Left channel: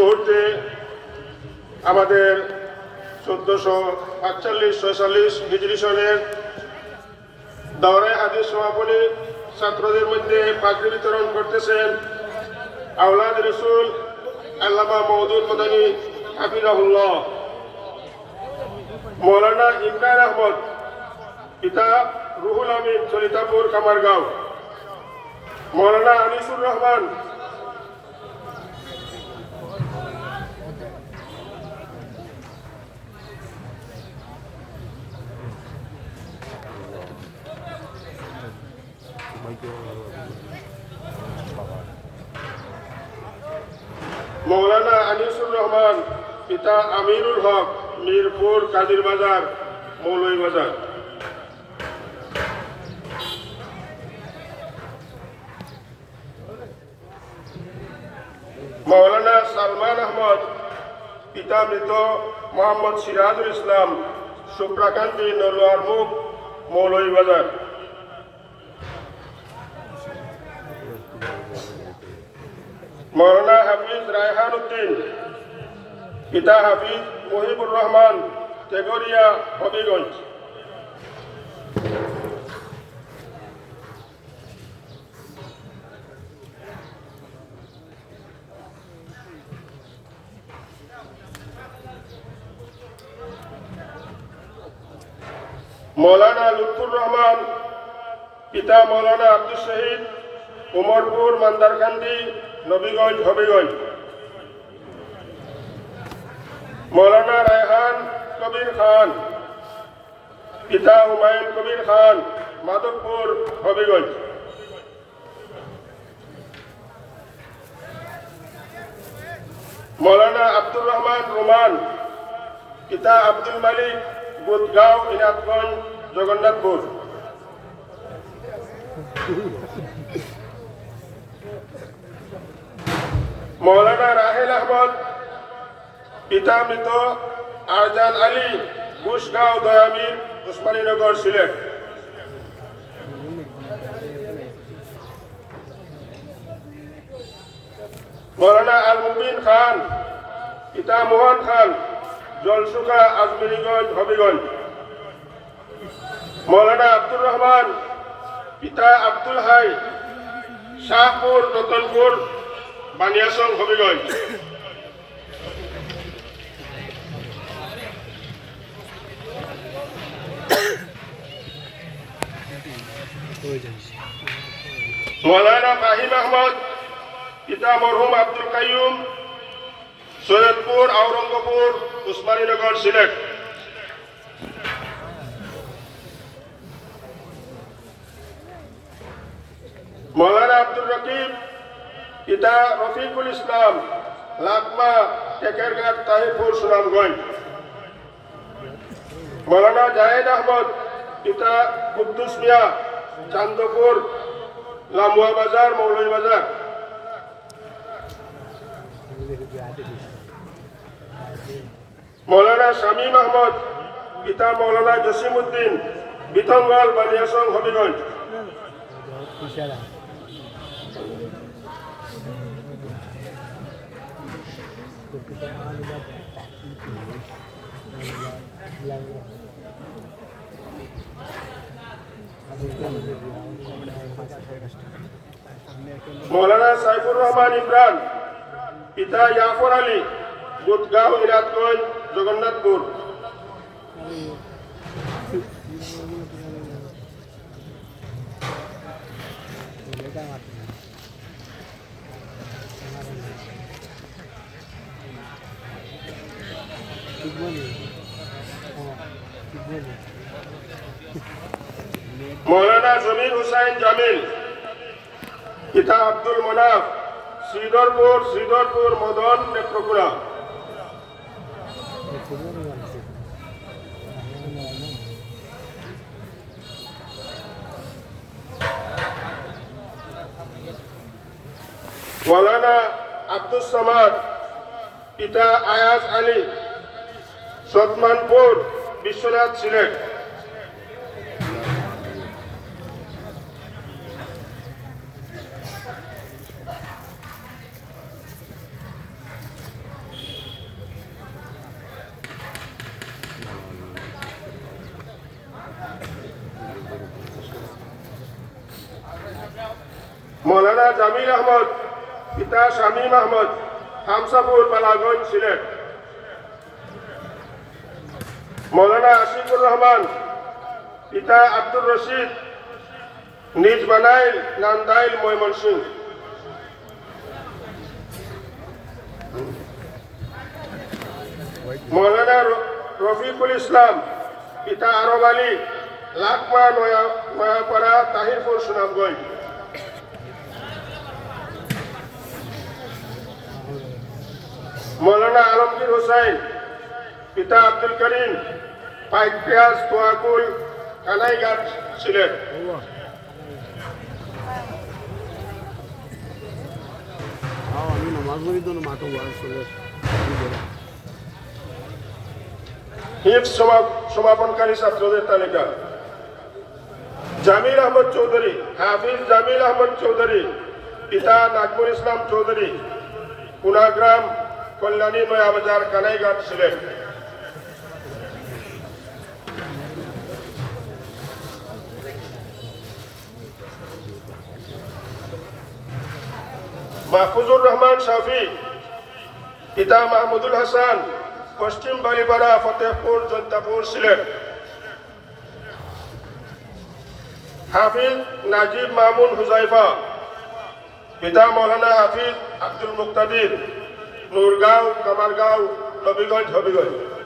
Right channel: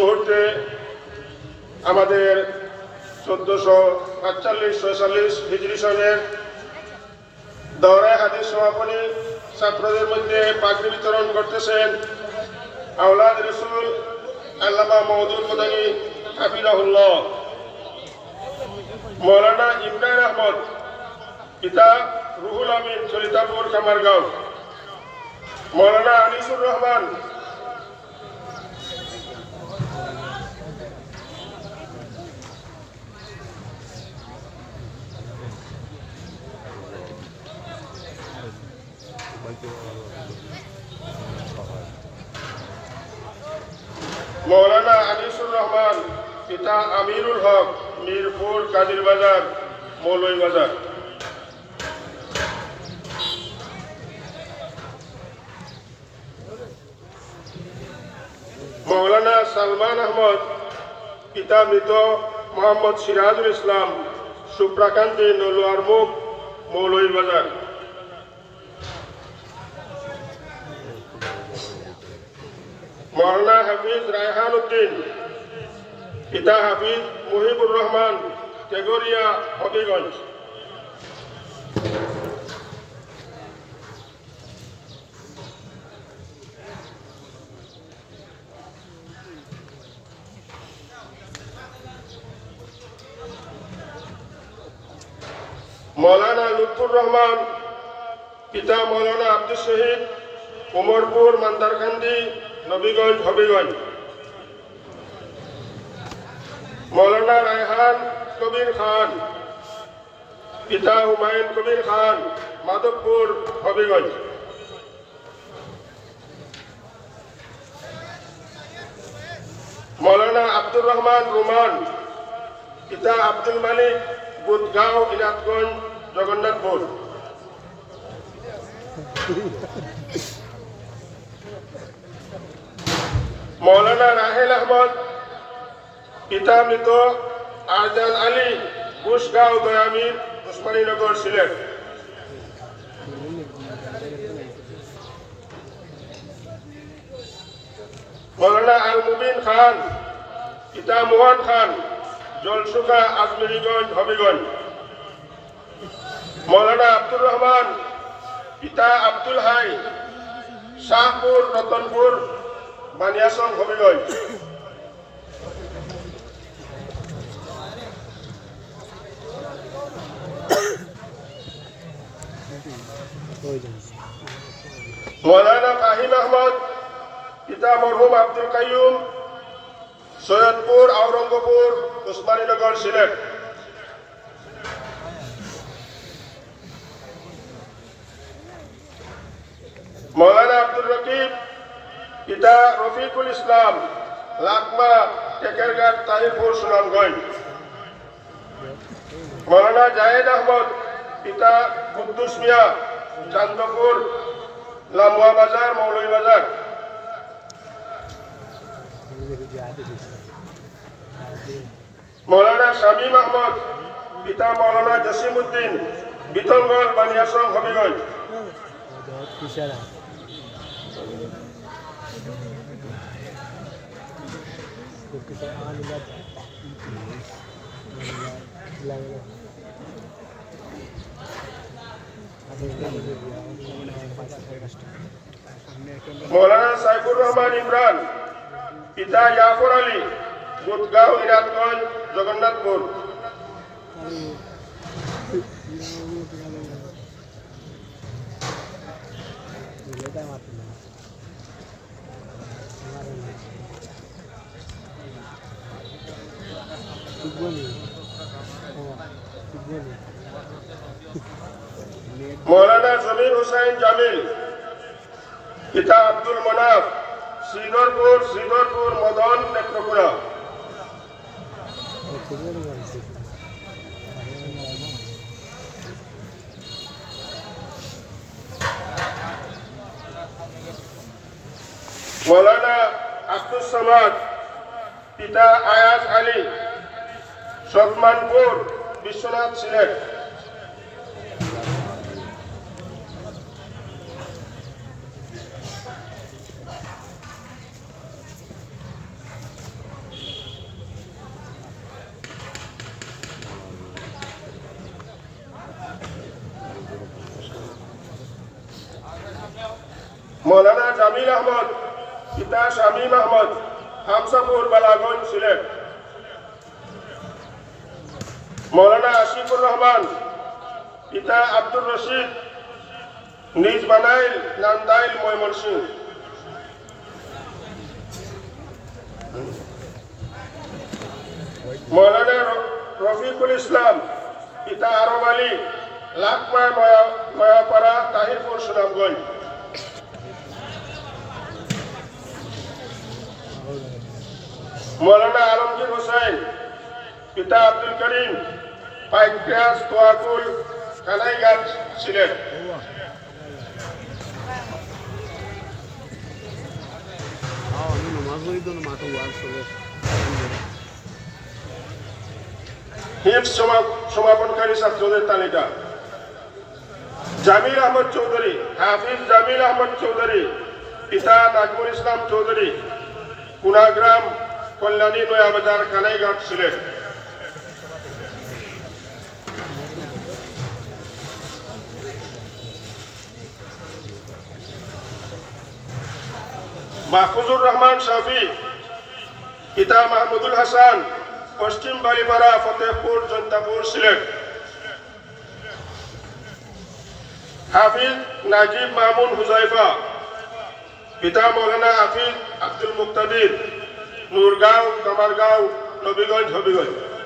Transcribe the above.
মুহূর্তে আমাদের চোদ্দশো পাঁচচল্লিশ ছয়চল্লিশ হিজরি সনের দৌড়ায় হাদিস সমাপনী ছাত্রদের মধ্যে পাগড়ি বিতরণ করতেছেন আওলাদ রসুল আল্লামা মহদুল মদানী হাফিজাহুল্লাহ। মৌলানা ইমরান আহমদ, পিতা রুহুল আমিন চলিতাপুর কামারগাঁও। মৌলানা আনিসুর রহমান মৌলানা আনিসুর রহমান, পিতা আমিরুল হক, মিরপুর কাদির বাজার মৌলই বাজার। মৌলানা সালমান আহমদ, পিতা মৃত মোহাম্মদ সিরাজুল ইসলাম, সুপ্রাকান্তি নলোয়ার মুখ মৌলই বাজার। মৌলানা হাফিজ রায়হান উদ্দিন পিতা হাফিজ মহিবুর রহমান তেগরিয়া হবিগঞ্জ। মৌলানা লুৎফুর রহমান, পিতা মৌলানা আব্দুল শহীদ উমরপুর, মান্দারকান্দি, নবীগঞ্জ, হবিগঞ্জ। মৌলানা রায়হান কবির খান, পিতা হুমায়ুন কবির খান, মাধবপুর, হবিগঞ্জ। মৌলানা আব্দুর রহমান রোমান, পিতা আব্দুল মালিক, বুধগাঁও, ইনাতগঞ্জ, জগন্নাথপুর। মৌলানা রাহেল আহমদ পিতা মৃত আরজান আলী ঘুষগাঁও দয়ামির উসমানীনগর সিলেট। মৌলানা আল মুবিন খান, পিতা মোহন খান, জলসুখা আজমেরিগঞ্জ, হবিগঞ্জ। মৌলানা আব্দুর রহমান, পিতা আব্দুল হাই শাহপুর রতনপুর বানিয়াসং হবিগঞ্জ। মৌলানা ফাহিম আহমদ, পিতা মরহুম আব্দুল কাইয়ুম, সৈয়দপুর, আওরঙ্গপুর, উসমানীনগর, সিলেট। মৌলানা আব্দুল রকিব, পিতা রফিকুল ইসলাম, লাকমা টেকেরঘাট তাহিরপুর সুনামগঞ্জ। মৌলানা জাহেদ আহমদ, পিতা কুদ্দুস মিয়া, চান্দপুর, লামুয়া বাজার, মৌলভী বাজার। মৌলানা শামীম আহমদ, পিতা মৌলানা জসিম উদ্দিন বিতনগড় বানিয়াসং হবিগঞ্জ। ইশারা। মৌলানা সাইফুর রহমান ইমরান পিতা ইয়াফর আলী বুধগাঁও ইরাতগঞ্জ জগন্নাথপুর। মৌলানা জমির হুসাইন জামিল পিতা আব্দুল মনাফ শ্রীধরপুর শ্রীধরপুর মদন নেত্রকোনা। মৌলানা আব্দুল সামাদ পিতা আয়াজ আলী সতমানপুর বিশ্বনাথ সিলেট মৌলানা জামিল আহমদ পিতা শামীম আহমদ হামসাপুর বালাগঞ্জ সিলেট। মৌলানা আসিফুর রহমান, পিতা আব্দুর রশিদ, নিজ বানাইল নান্দাইল ময়মনসিংহ। মৌলানা রফিকুল ইসলাম, পিতা আরব আলী, লাকমা নয়া, নয়াপাড়া, তাহিরপুর, সুনামগঞ্জ। মৌলানা আলমগীর হোসেন, পিতা আব্দুল করিম পাইকপিয়াস তোয়াকুল কানাইঘাট হিফ সমাপনকারী ছাত্রদের তালিকা। জামিল আহমদ চৌধুরী, হাফিজ জামিল আহমদ চৌধুরী, পিতা নাগপুর ইসলাম চৌধুরী, কুনাগ্রাম কল্যাণী নয়াবাজার কানাইঘাট সিলেট। মাহফুজুর রহমান শাফি পিতা মাহমুদুল হাসান, পশ্চিম বালিপাড়া ফতেহপুর, জন্তাপুর সিলেট। হাফিজ নাজিব মামুন হুজাইফা, পিতা মৌলানা হাফিজ আব্দুল মুক্তাদির। নূরগাঁও কামারগাঁও নবীগঞ্জ হবিগঞ্জ।